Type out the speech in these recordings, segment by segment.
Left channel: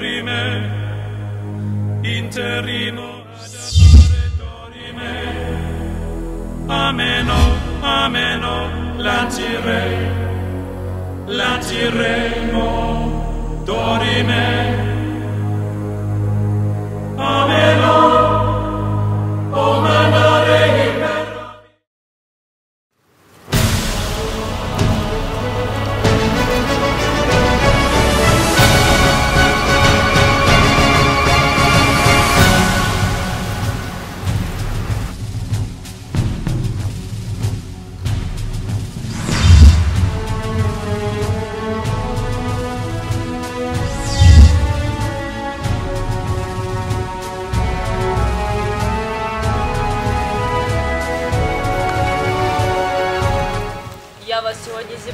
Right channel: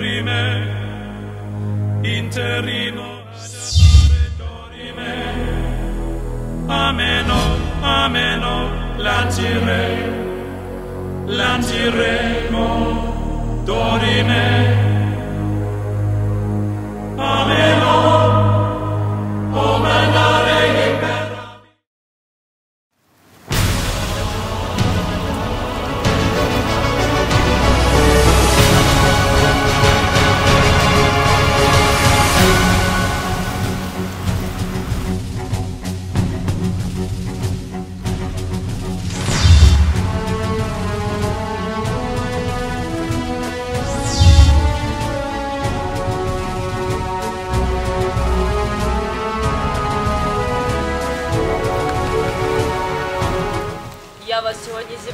dorime, interrimo adamare dorime. Ameno, ameno, lancirei, lanciremo dorime.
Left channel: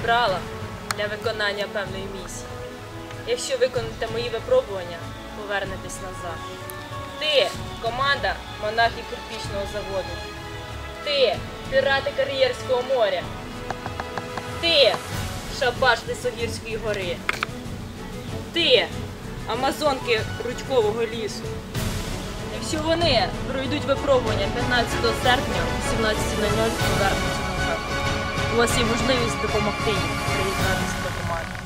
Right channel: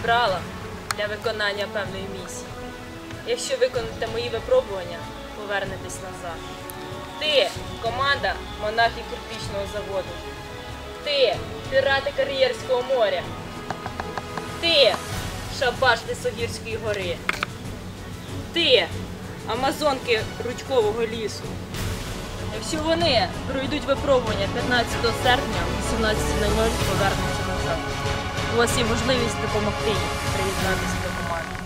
Зібрала для виконання певної місії. Якщо виконаєте мої випробування, повернетесь назад. Ти команда монахів кирпічного заводу. Ти пірати Кар'єрського моря. Ти шабаш Лисогірської гори. Ти Амазонки Рудькового лісу. Якщо вони пройдуть випробування 15 серпня о 17.00 повернуться назад. У вас є можливість допомогти їм приєднатися до команди.